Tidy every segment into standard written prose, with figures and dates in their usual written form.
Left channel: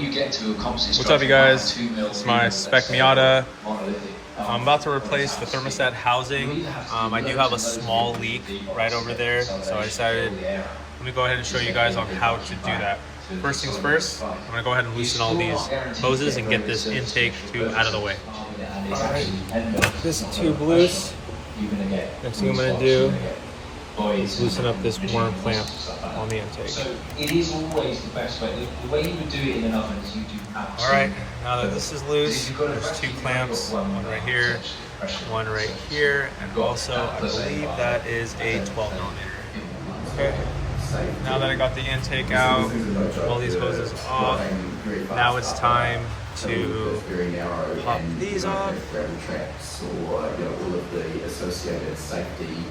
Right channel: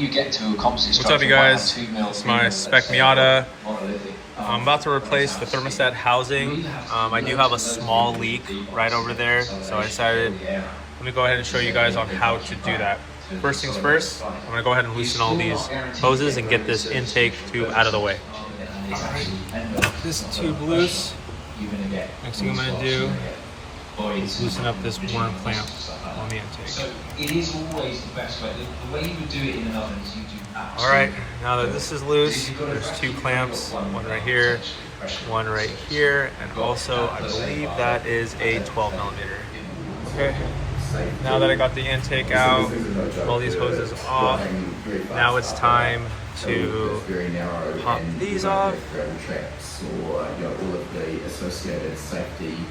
you get to accomplish. What's up, you guys? It's my Spec Miata. I'm about to replace the thermostat housing. I do have a small leak right over there, so I decided let me go ahead and show you guys on how to do that. First things first, I'm gonna go ahead and loosen all these hoses and get this intake tube out of the way. Alright, this tube loose. Next thing I'm gonna do is loosen up this worm clamp on the intake. So it is always the best way. The way you would do it in an oven is you do. Alright, now that this is loose, there's two clamps, one right here, one right here, and also I believe that is a 12 millimeter. Okay, now that I got the intake out, all these hoses off, now it's time to pop these off. Or all of the associated safety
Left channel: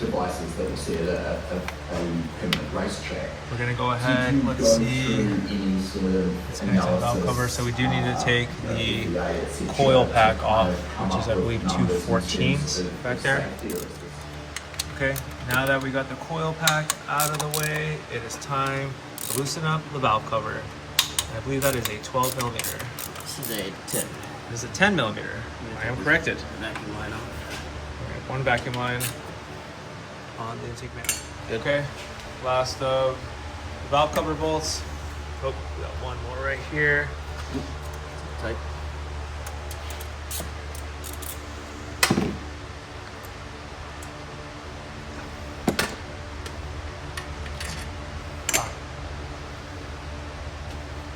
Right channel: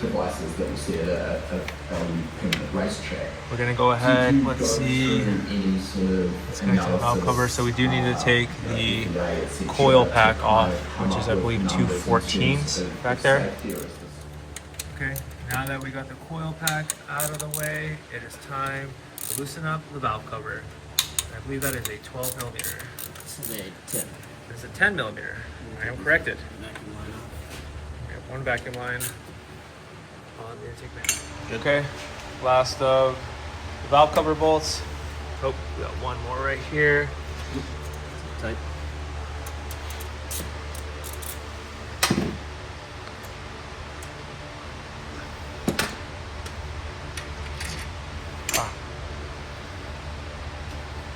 devices that we see at a permanent racetrack. We're gonna go ahead, let's see, it's going to valve cover, so we do need to take the coil pack off, which is I believe 214s back there. Okay, now that we got the coil pack out of the way, it is time to loosen up the valve cover. I believe that is a 12 millimeter. This is a 10. This is a 10 millimeter. I am corrected. Vacuum line off. Okay, one vacuum line on the intake man. Okay, last of the valve cover bolts. Oh, we got one more right here. Tight.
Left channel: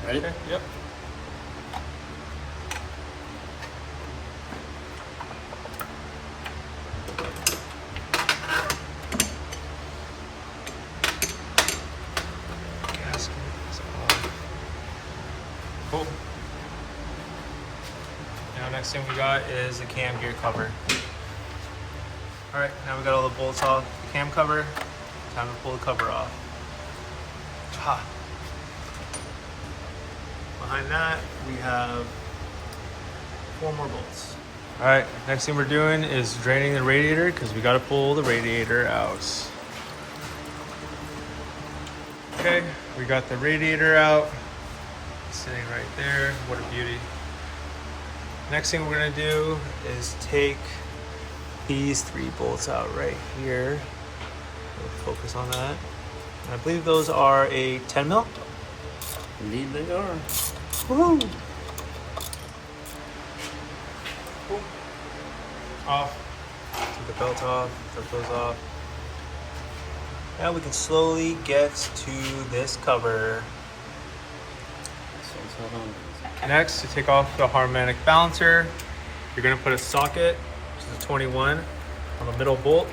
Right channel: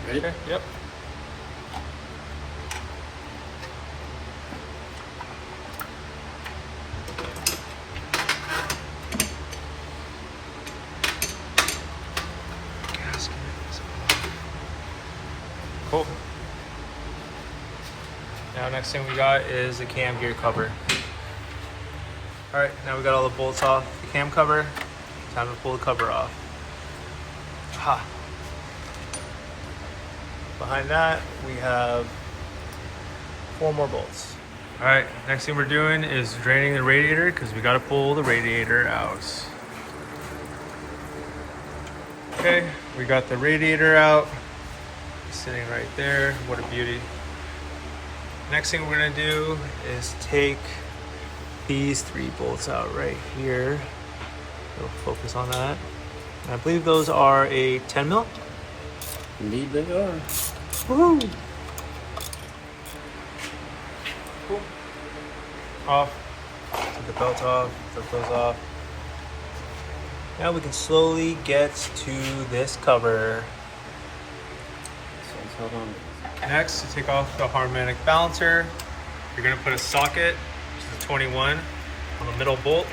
Ready? Okay, yep. Cool. Now next thing we got is the cam gear cover. Alright, now we got all the bolts off the cam cover. Time to pull the cover off. Ha. Behind that we have 4 more bolts. Alright, next thing we're doing is draining the radiator because we got to pull the radiator out. Okay, we got the radiator out. Sitting right there. What a beauty. Next thing we're gonna do is take these 3 bolts out right here. We'll focus on that. I believe those are a 10 mil. Indeed they are. Woohoo! Cool. Off. Take the belt off. Took those off. Now we can slowly get to this cover. Hold on. Next, to take off the harmonic balancer, you're going to put a socket, which is a 21, on the middle bolt.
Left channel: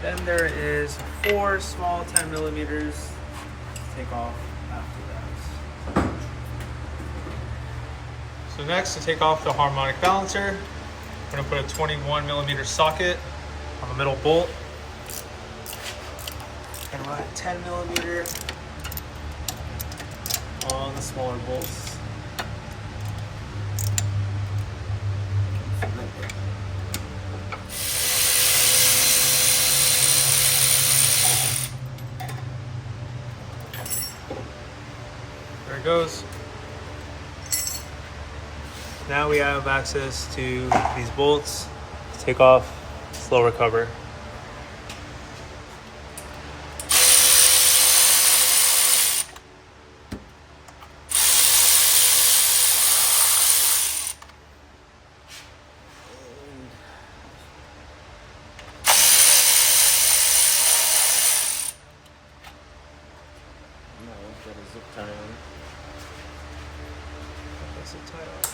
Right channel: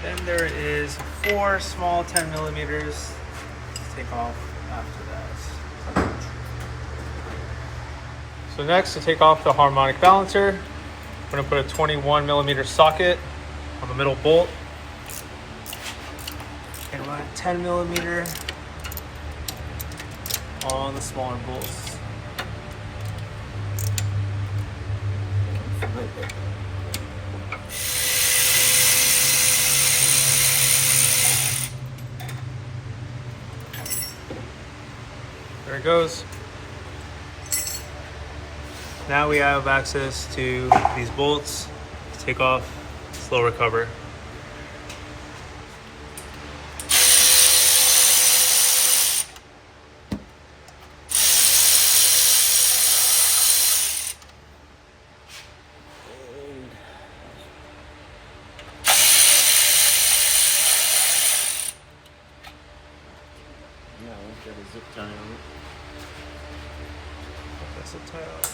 Then there is 4 small 10 millimeters to take off after that. So next, to take off the harmonic balancer, I'm going to put a 21 millimeter socket on the middle bolt. And run a 10 millimeter on the smaller bolts. There it goes. Now we have access to these bolts to take off this lower cover. Got a zip tie on it. That's the tie off.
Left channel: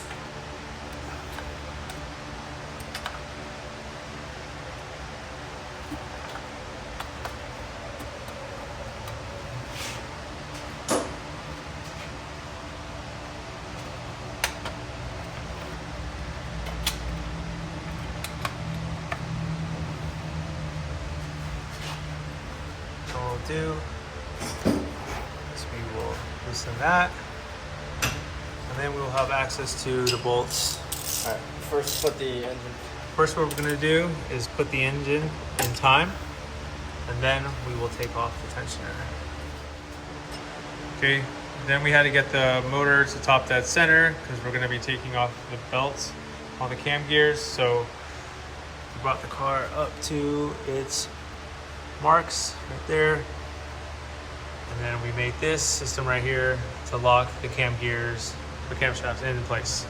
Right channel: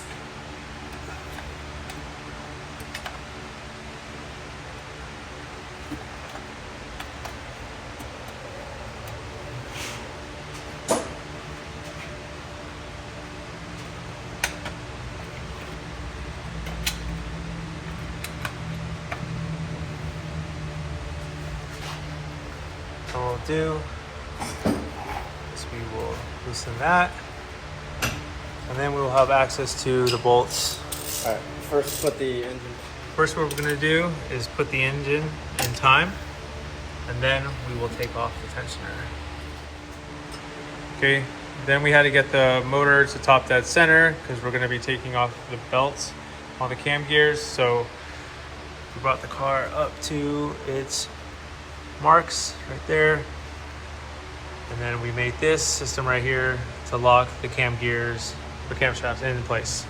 So what we'll do is we will loosen that, and then we will have access to the bolts. Alright, first put the engine. First, what we're gonna do is put the engine in time, and then we will take off the tensioner. Okay, Then we had to get the motor to top dead center because we're gonna be taking off the belts on the cam gears. So we brought the car up to its marks right there. And then we made this system right here to lock the cam gears or cam shafts in place.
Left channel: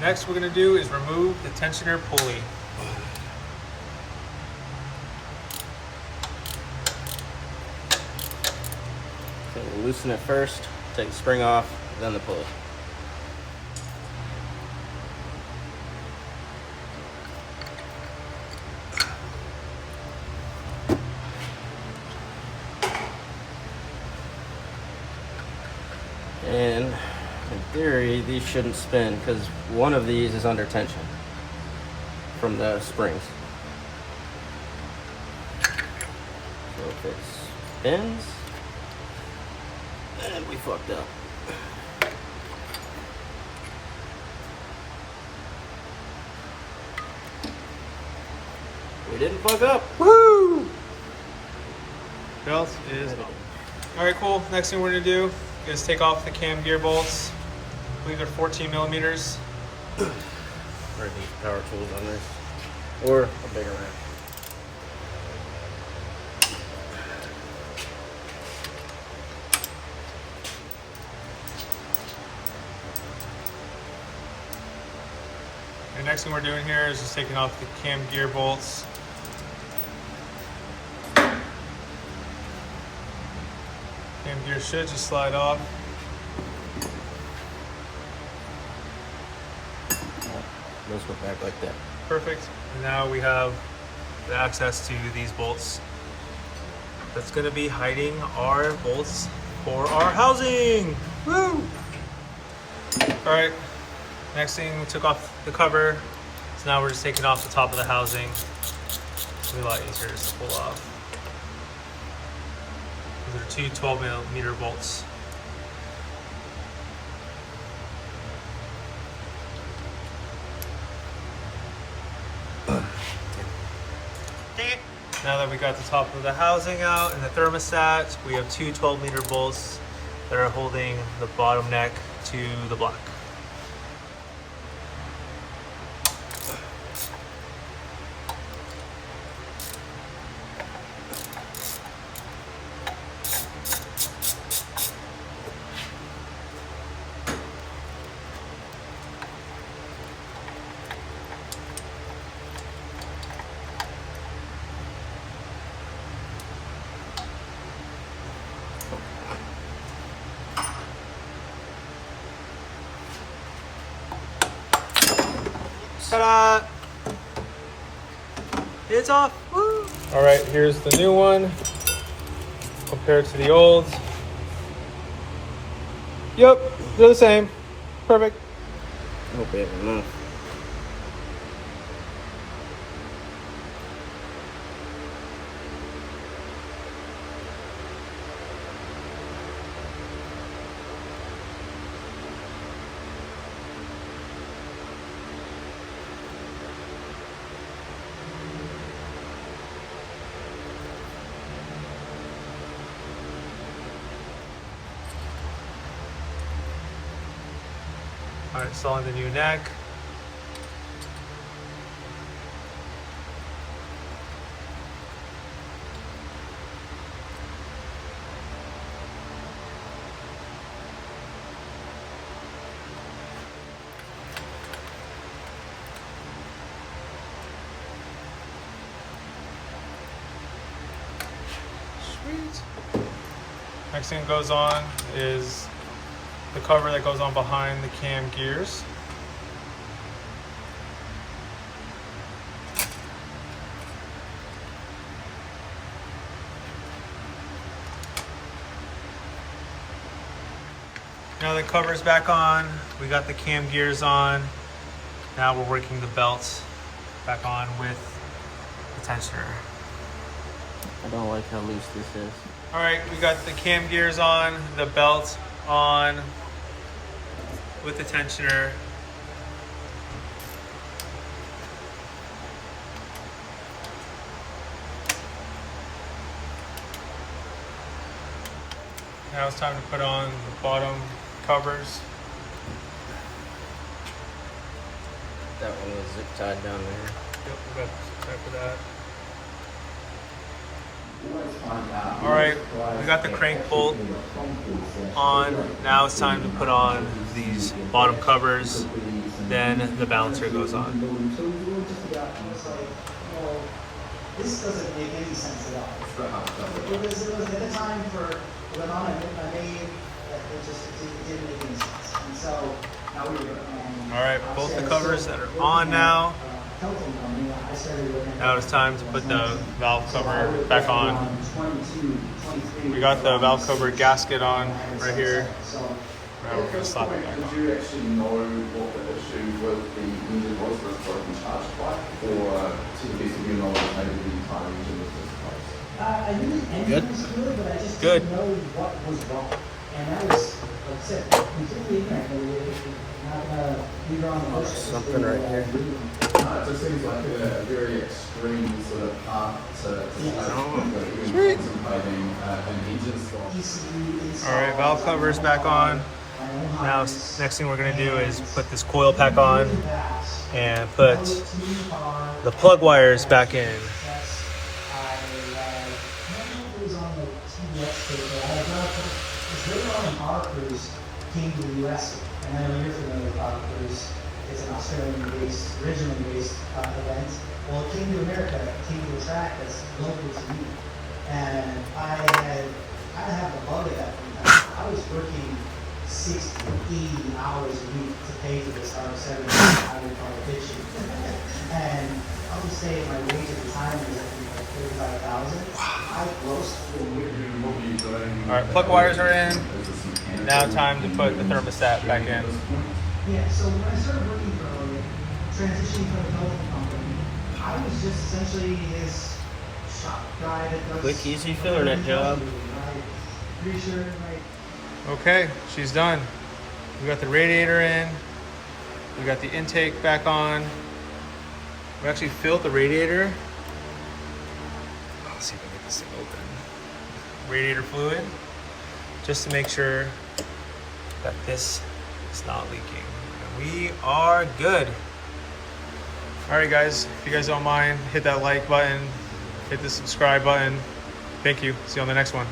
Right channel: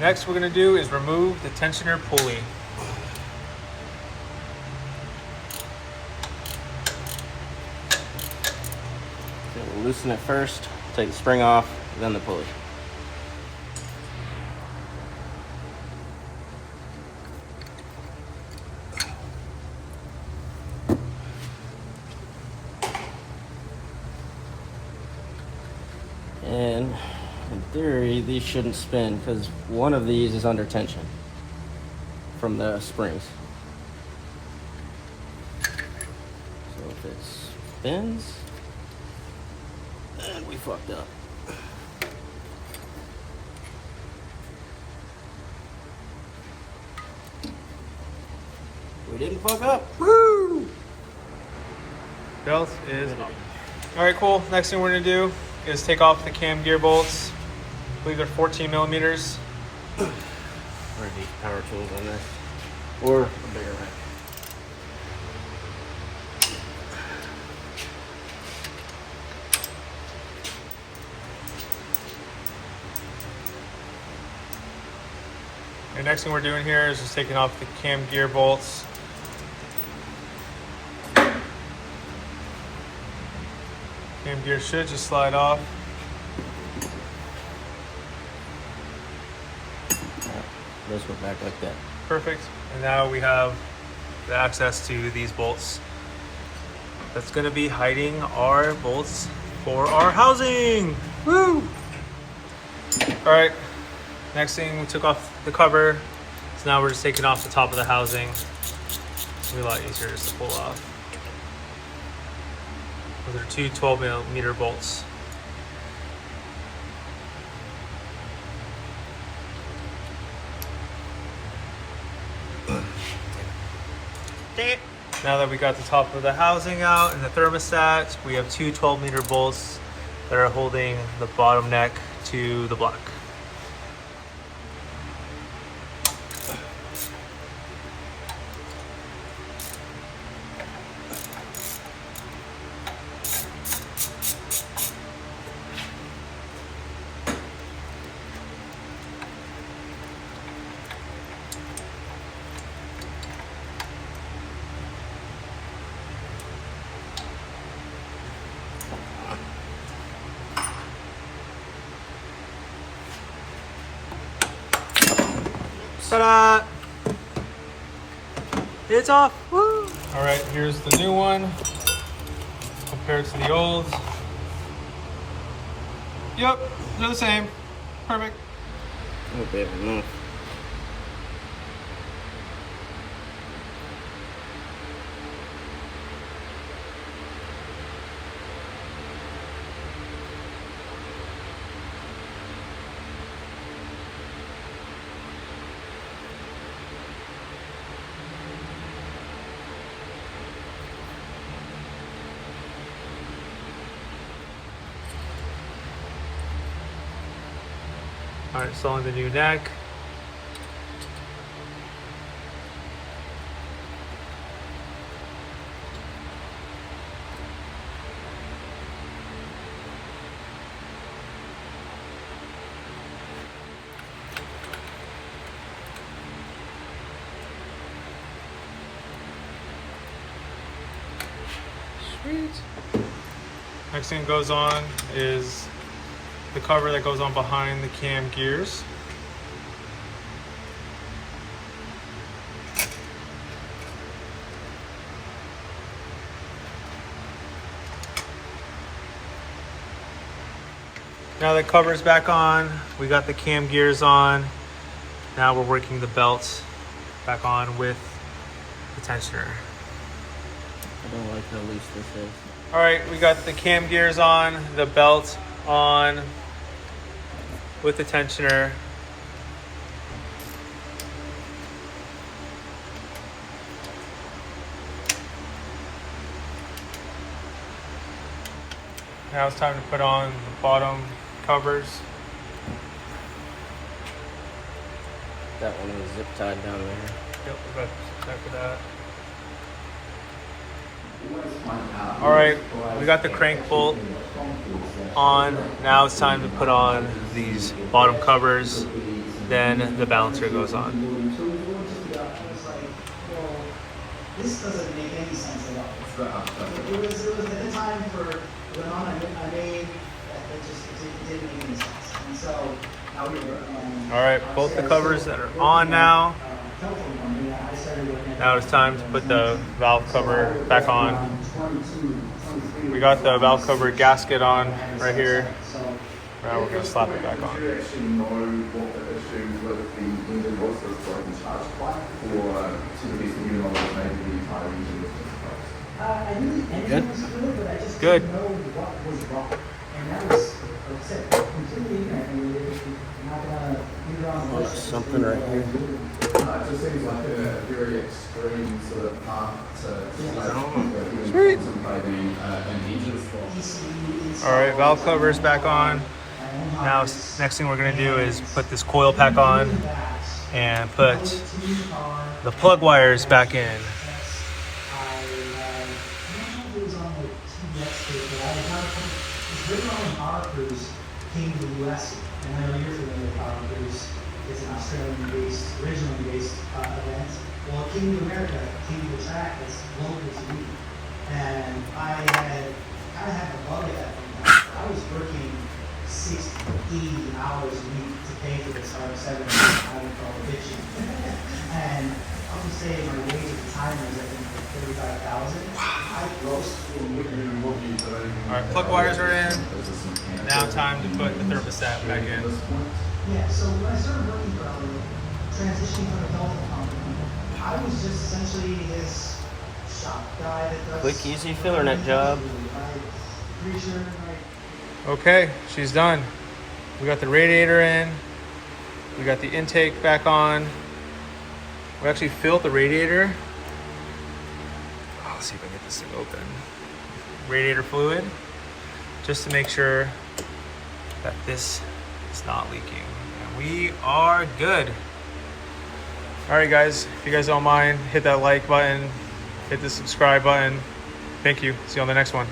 Next we're gonna do is remove the tensioner pulley. So we'll loosen it first, take the spring off, then the pulley. And in theory, these shouldn't spin because one of these is under tension from the springs. So if it spins, then we fucked up. We didn't fuck up. Woo! Belt is up. All right, cool. Next thing we're gonna do is take off the cam gear bolts. I believe they're 14 millimeters. Or these power tools on this, or a bigger wrench. And next thing we're doing here is just taking off the cam gear bolts. Cam gear should just slide off. Those go back like that. Perfect. And now we have the access to these bolts. That's gonna be hiding our bolts for our housing. Woo! All right, next thing, we took off the cover. So now we're just taking off the top of the housing. It's gonna be a lot easier just to pull off. Those are two 12 millimeter bolts. Now that we got the top of the housing out and the thermostat, we have two 12 meter bolts that are holding the bottom neck to the block. Ta-da! It's off! Woo! All right, here's the new one compared to the old. Yep, they're the same. Perfect. I hope we have enough. All right, installing the new neck. Sweet. Next thing that goes on is the cover that goes on behind the cam gears. Now the cover's back on, we got the cam gears on. Now we're working the belt back on with the tensioner. I don't like how loose this is. All right, we got the cam gears on, the belt on with the tensioner. Now it's time to put on the bottom covers. That one was zip tied down there. Yep, we got exactly that. All right, we got the crank bolt on. Now it's time to put on these bottom covers. Then the balancer goes on. This doesn't make any sense at all. It was at the time for when I made, it didn't make any sense. And so now we're All right, both the covers that are on now. Now it's time to put the valve cover back on. We got the valve cover gasket on right here. Now we're gonna slap it back on. Good? Good. Something right here. It just seems like a very extreme sort of path to Sweet. an engine stop. All right, valve covers back on. Now, next thing we're gonna do is put this coil pack on and put the plug wires back in. Came to the US, and I know you're familiar with Power Cruise. It's an Australian-based, originally based event. Well, it came to America, it came to a track that's local to me. And I had the bug at that point. I was working 60, 80 hours a week to pay for this R7 I would call a bitch. And I'll just say my wage at the time was I think like $35,000. I grossed for a year. All right, plug wires are in. Now time to put the thermostat back in. Yeah, so when I started working for transitioning from a telephone company, I was just essentially his shop guy that does Quick, easy filling that job. Pretty sure, like, Okay, she's done. We got the radiator in. We got the intake back on. We actually filled the radiator. Oh, let's see if I can get this thing open. Radiator fluid, just to make sure that this is not leaking. And we are good. All right, guys, if you guys don't mind, hit that like button, hit the subscribe button. Thank you. See you on the next one.